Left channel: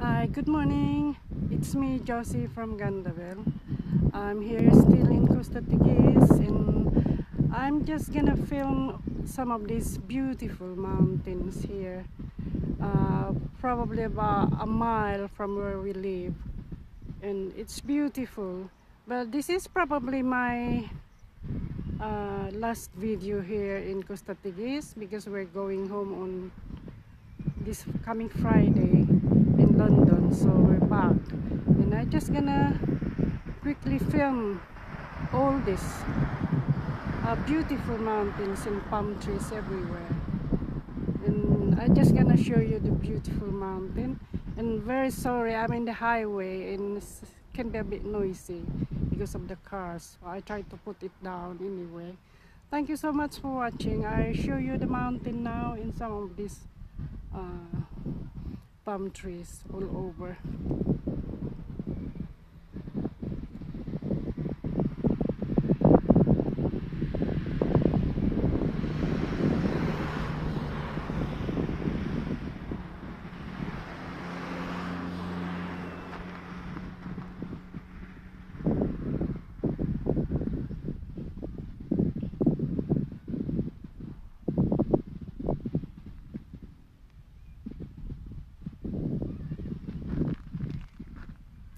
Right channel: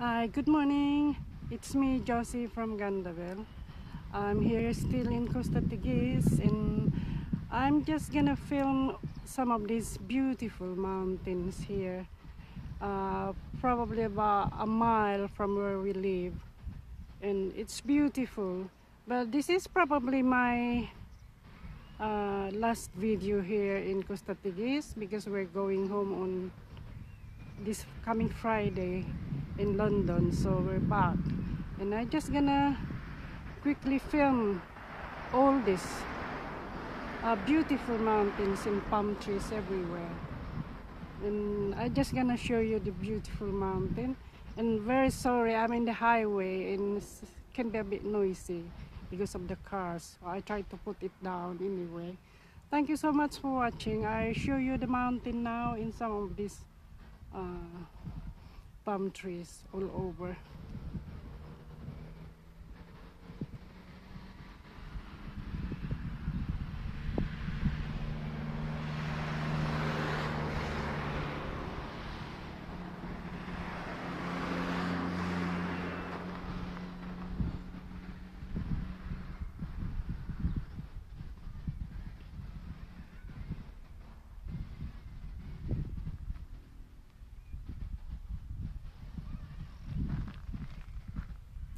Hi, good morning. It's me, Josie from Gandaville. I'm here still in Costa Tigis, and I'm just gonna film some of these beautiful mountains here. Probably about a mile from where we live, and it's beautiful. But this is probably my last video here in Costa Tigis because we're going home on this coming Friday in London, so we're back, and I just gonna quickly film all these beautiful mountains and palm trees everywhere, and I just gonna show you the beautiful mountain. And very sorry, I'm in the highway and it can be a bit noisy because of the cars, so I try to put it down anyway. Thank you so much for watching. I show you the mountain now in some of these palm trees all over.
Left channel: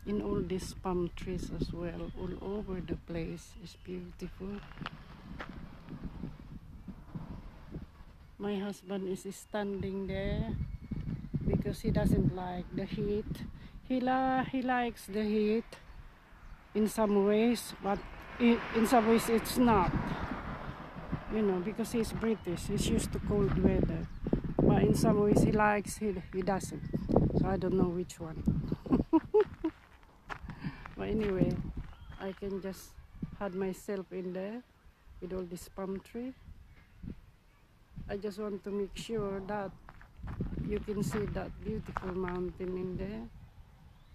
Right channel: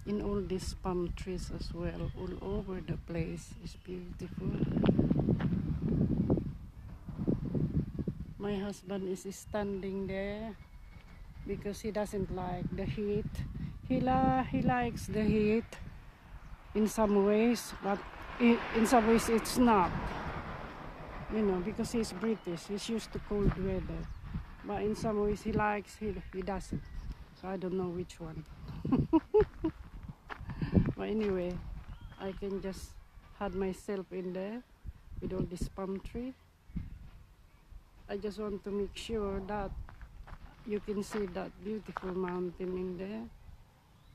In all these palm trees as well, all over the place is beautiful. My husband is standing there because he doesn't like the heat. He likes the heat in some ways, but in some ways it's not. You know, because he's British, he's used to cold weather. But in some ways he likes, he doesn't. So I don't know which one. But anyway, I can just hide myself in there with all this palm tree. I just want to make sure that you can see that beautiful mountain in there,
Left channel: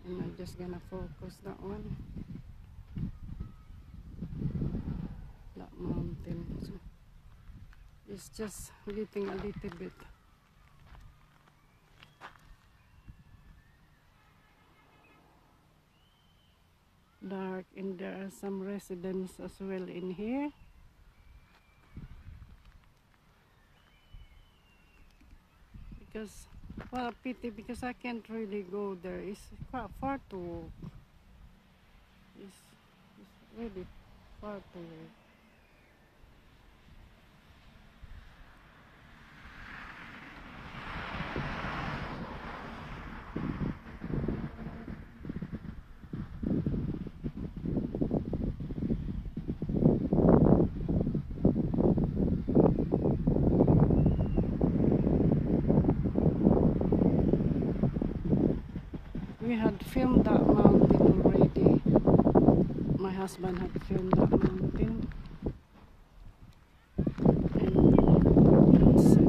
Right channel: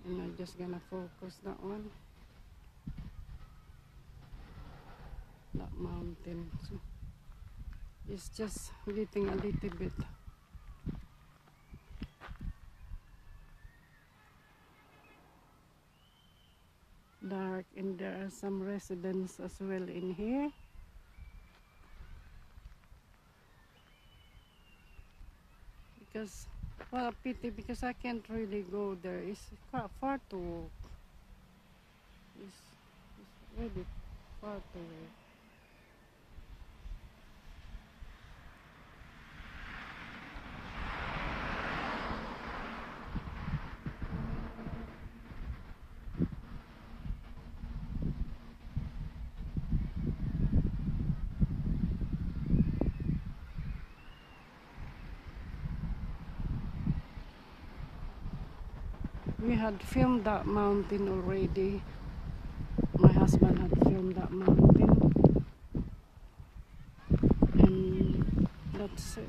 and I'm just gonna focus that one, that mountain. It's just getting a little bit dark, and there are some residents as well in here. Because, well, a pity because I can't really go there. It's quite far to walk. It's really far to walk. We had filmed that mountain already. My husband had filmed that mountain. And let's see.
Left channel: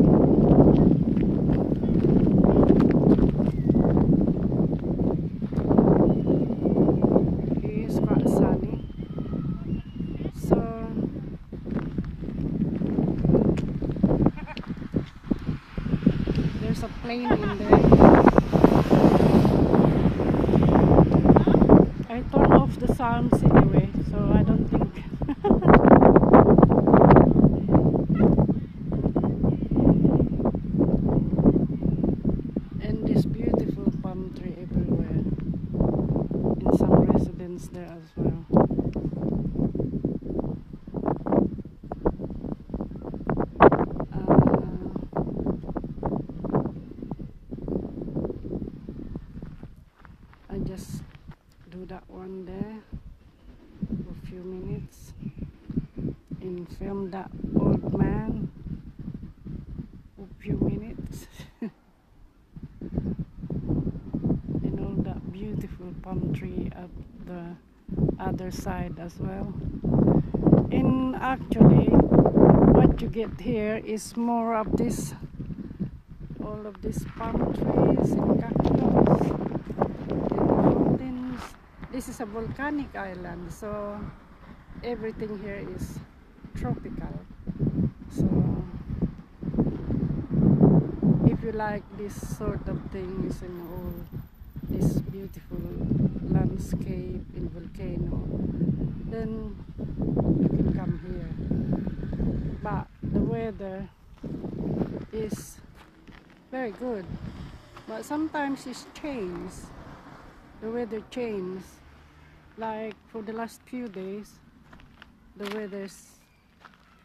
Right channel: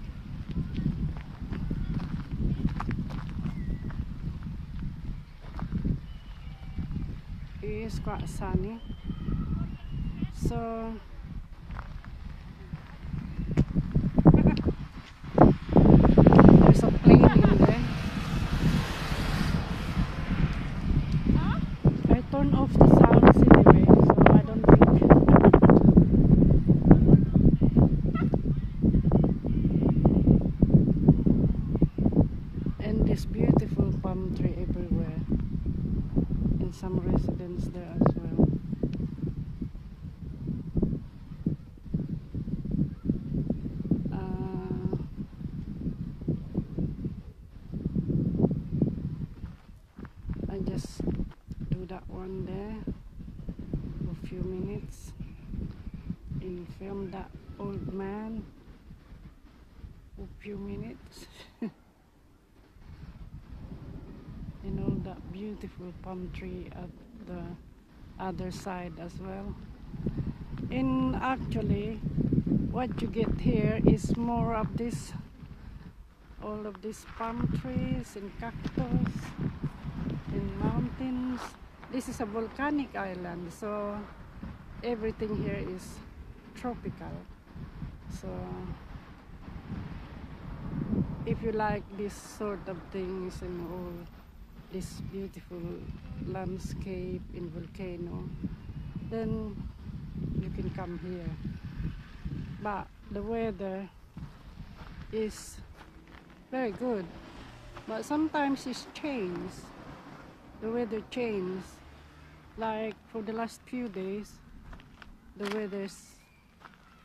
It is quite sunny. So there's a plane in there. I turned off the sounds anyway, so I don't think. And this beautiful palm tree everywhere, and some residents there as well. I just do that one there for a few minutes and film that old man for a few minutes. And all that beautiful palm tree at the other side as well. And actually what you get here is more of this, all of these palm trees and cactus and mountains. This is a volcanic island, so everything here is tropical. So if you like this sort of things and all, this beautiful landscape in volcano, then you can come here. But the weather is very good, but sometimes it's changed. The weather changes. Like for the last few days, the weather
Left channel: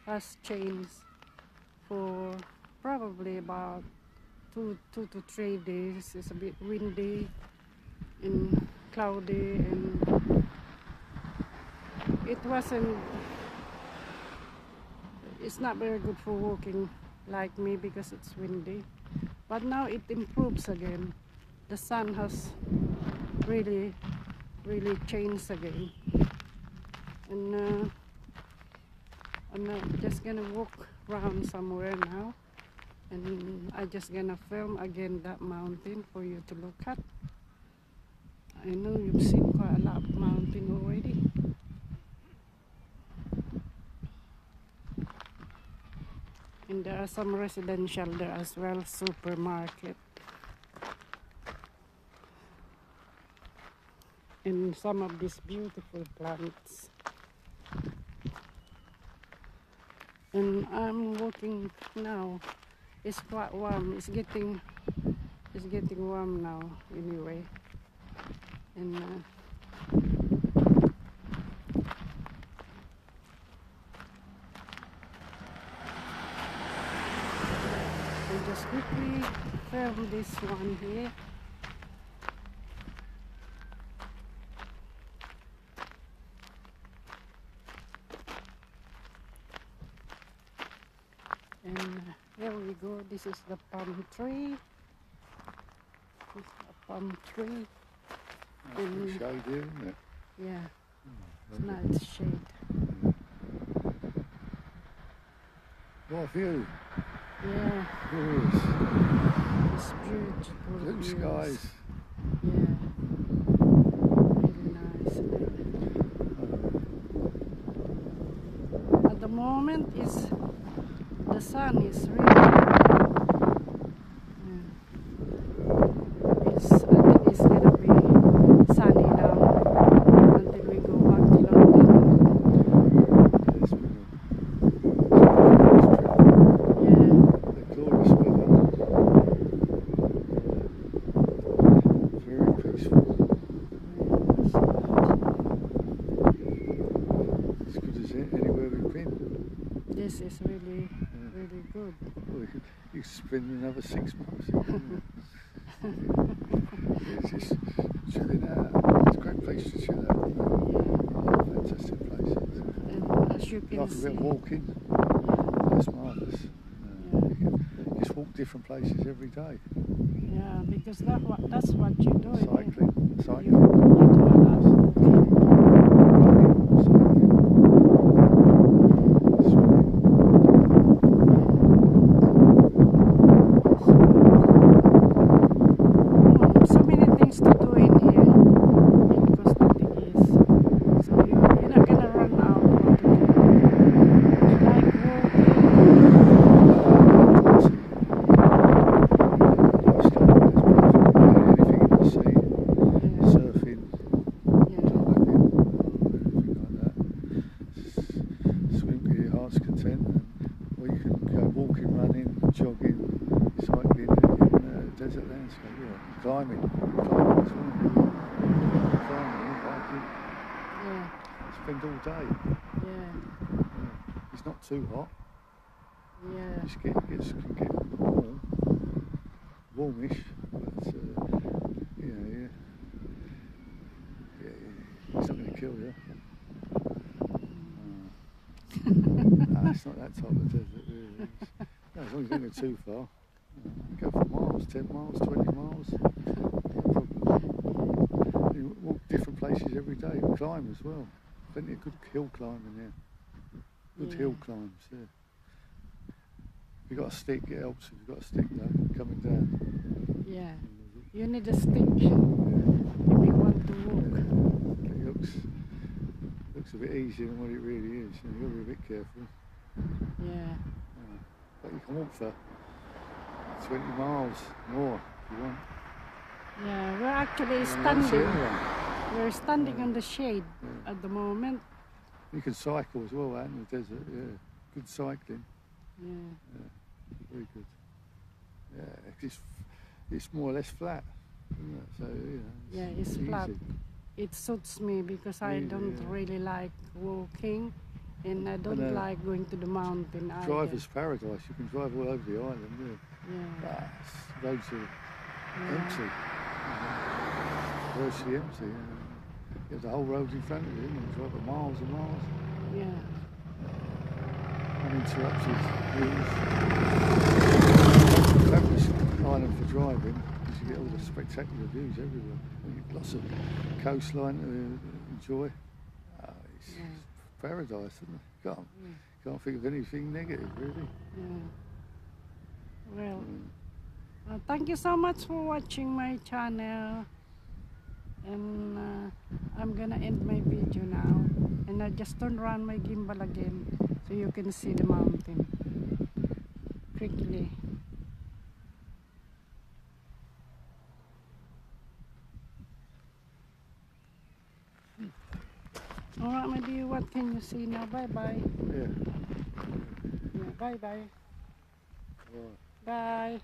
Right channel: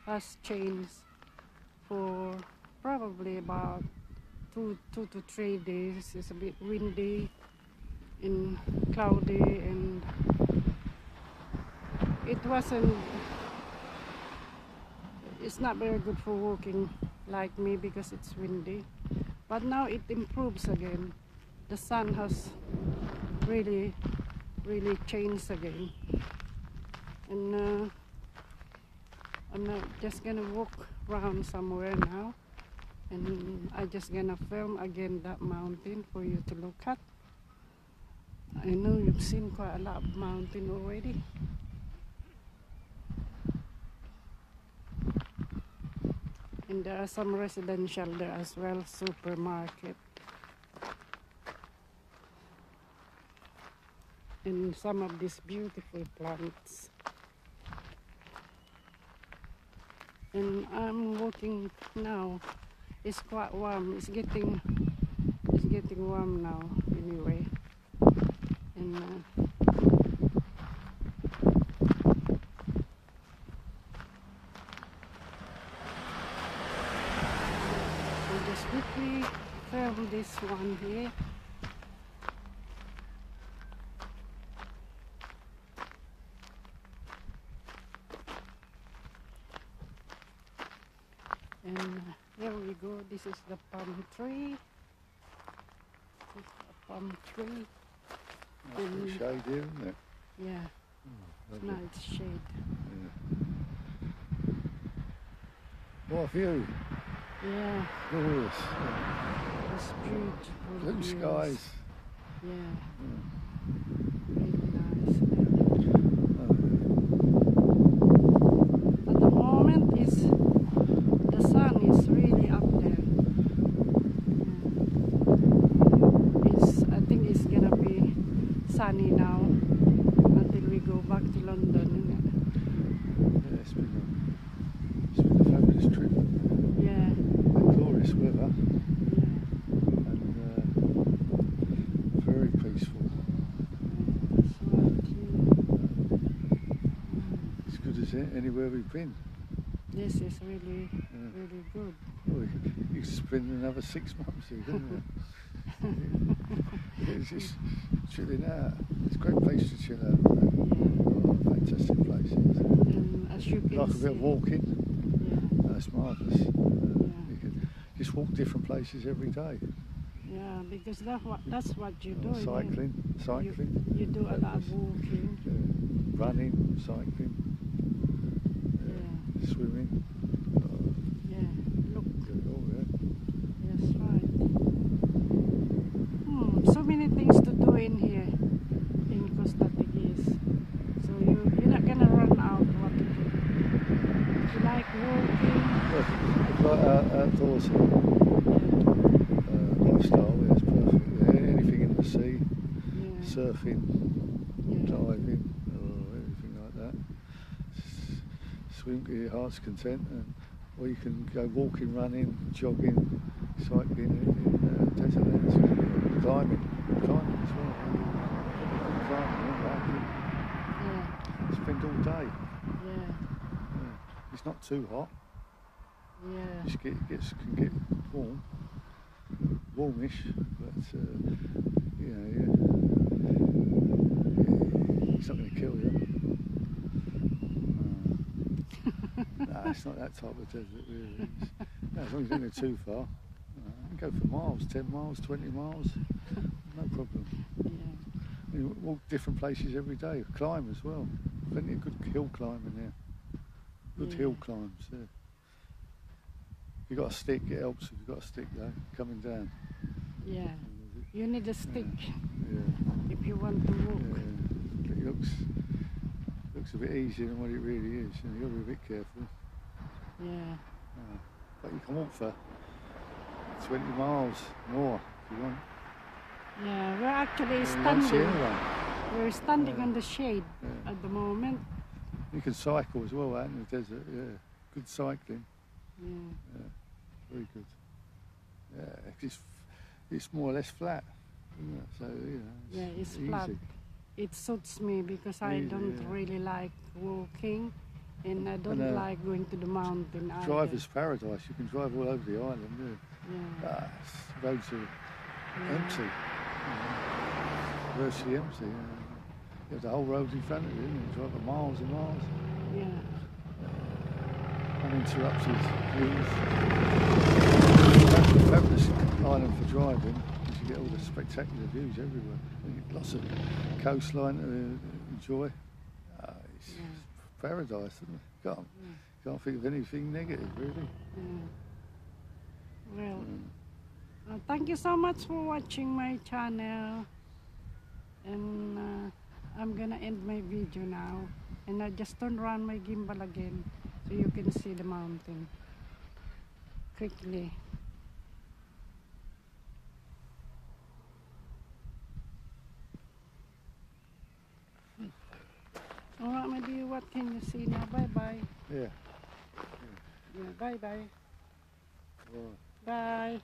has changed for probably about two to 3 days. It's a bit windy and cloudy, and it's not very good for walking like me because it's windy. But now it improves again. The sun has really changed again, and I'm just gonna walk around somewhere now, and I'm just gonna film again that mountain for you to look at. I know you've seen quite a lot of mountain already. And there are some residential there as well, supermarket. And some of these beautiful plants. And I'm walking now. It's quite warm. It's getting warm now anyway. And I'll just quickly film this one here. And here we go. This is the palm tree. This is the palm tree. Nice shade here, isn't it? Yeah, Oh, it's nice shade. What a view! Yeah, Yes. it's beautiful. Blue views. skies. Yeah, really nice. At the moment, the sun is really. I think it's gonna be sunny now until we go back to London. Yeah, it's been a nice trip. Yeah. Glorious weather. Very peaceful. As good as anywhere we've been. This is really good. Well, you could spend another 6 months here, couldn't you? It's just chilling out. It's a great place to chill out. Fantastic places. And as you can Like a see, bit of walking. That's marvellous. You can just walk different places every day. yeah, because that's what you do. Cycling. You do a lot of walking. Running. Cycling. Swimming. So many things to do in here in Costa Teguise. So you're not gonna run out of what to do. Like Anything in the sea, surfing, diving, or anything like that. Swim to your heart's content, or you can go walking, running, jogging, cycling in desert landscape, climbing as well. Climbing, hiking. yeah, Spend all day. yeah, It's not too hot. yeah. Just can get warmish, but it's not going to kill you. No, it's not that type of desert, really. No, as long as you don't go too far. Go for miles, 10 miles, 20 miles. No problem. You walk different places every day. You climb as well. Plenty of good hill climbing there. Good hill climbs, yeah. If you've got a stick, it helps if you've got a stick though, coming down. Yeah, you need a stick if you want to walk. Yeah. It looks a bit easier than what it really is, and you've got to be a bit careful. Yeah. But you can walk for 20 miles more if you want. Yeah, we're actually You see standing. anyway. We're standing on the shade at the moment. You can cycle as well out in the desert, yeah. Good cycling. Yeah. Very good. Yeah, it's more or less flat, isn't it? So, Yeah, it's easy. flat. It suits me because I don't really like walking, and I don't like going to the mountain either. Driver's paradise. You can drive all over the island. Yeah. Roads are empty. Virtually empty. You have the whole road in front of you, and you drive for miles and miles. Yeah. Uninterrupted views. Fabulous island for driving. You get all the spectacular views everywhere. And lots of coastline to enjoy. It's paradise, isn't it? Can't think of anything negative, really. Well, thank you so much for watching my channel. And I'm gonna end my video now. And I just turn around my gimbal again so you can see the mountain quickly. Alright, my dear, what can you see now? Bye-bye. Yeah. Yeah, bye-bye. Right. Bye.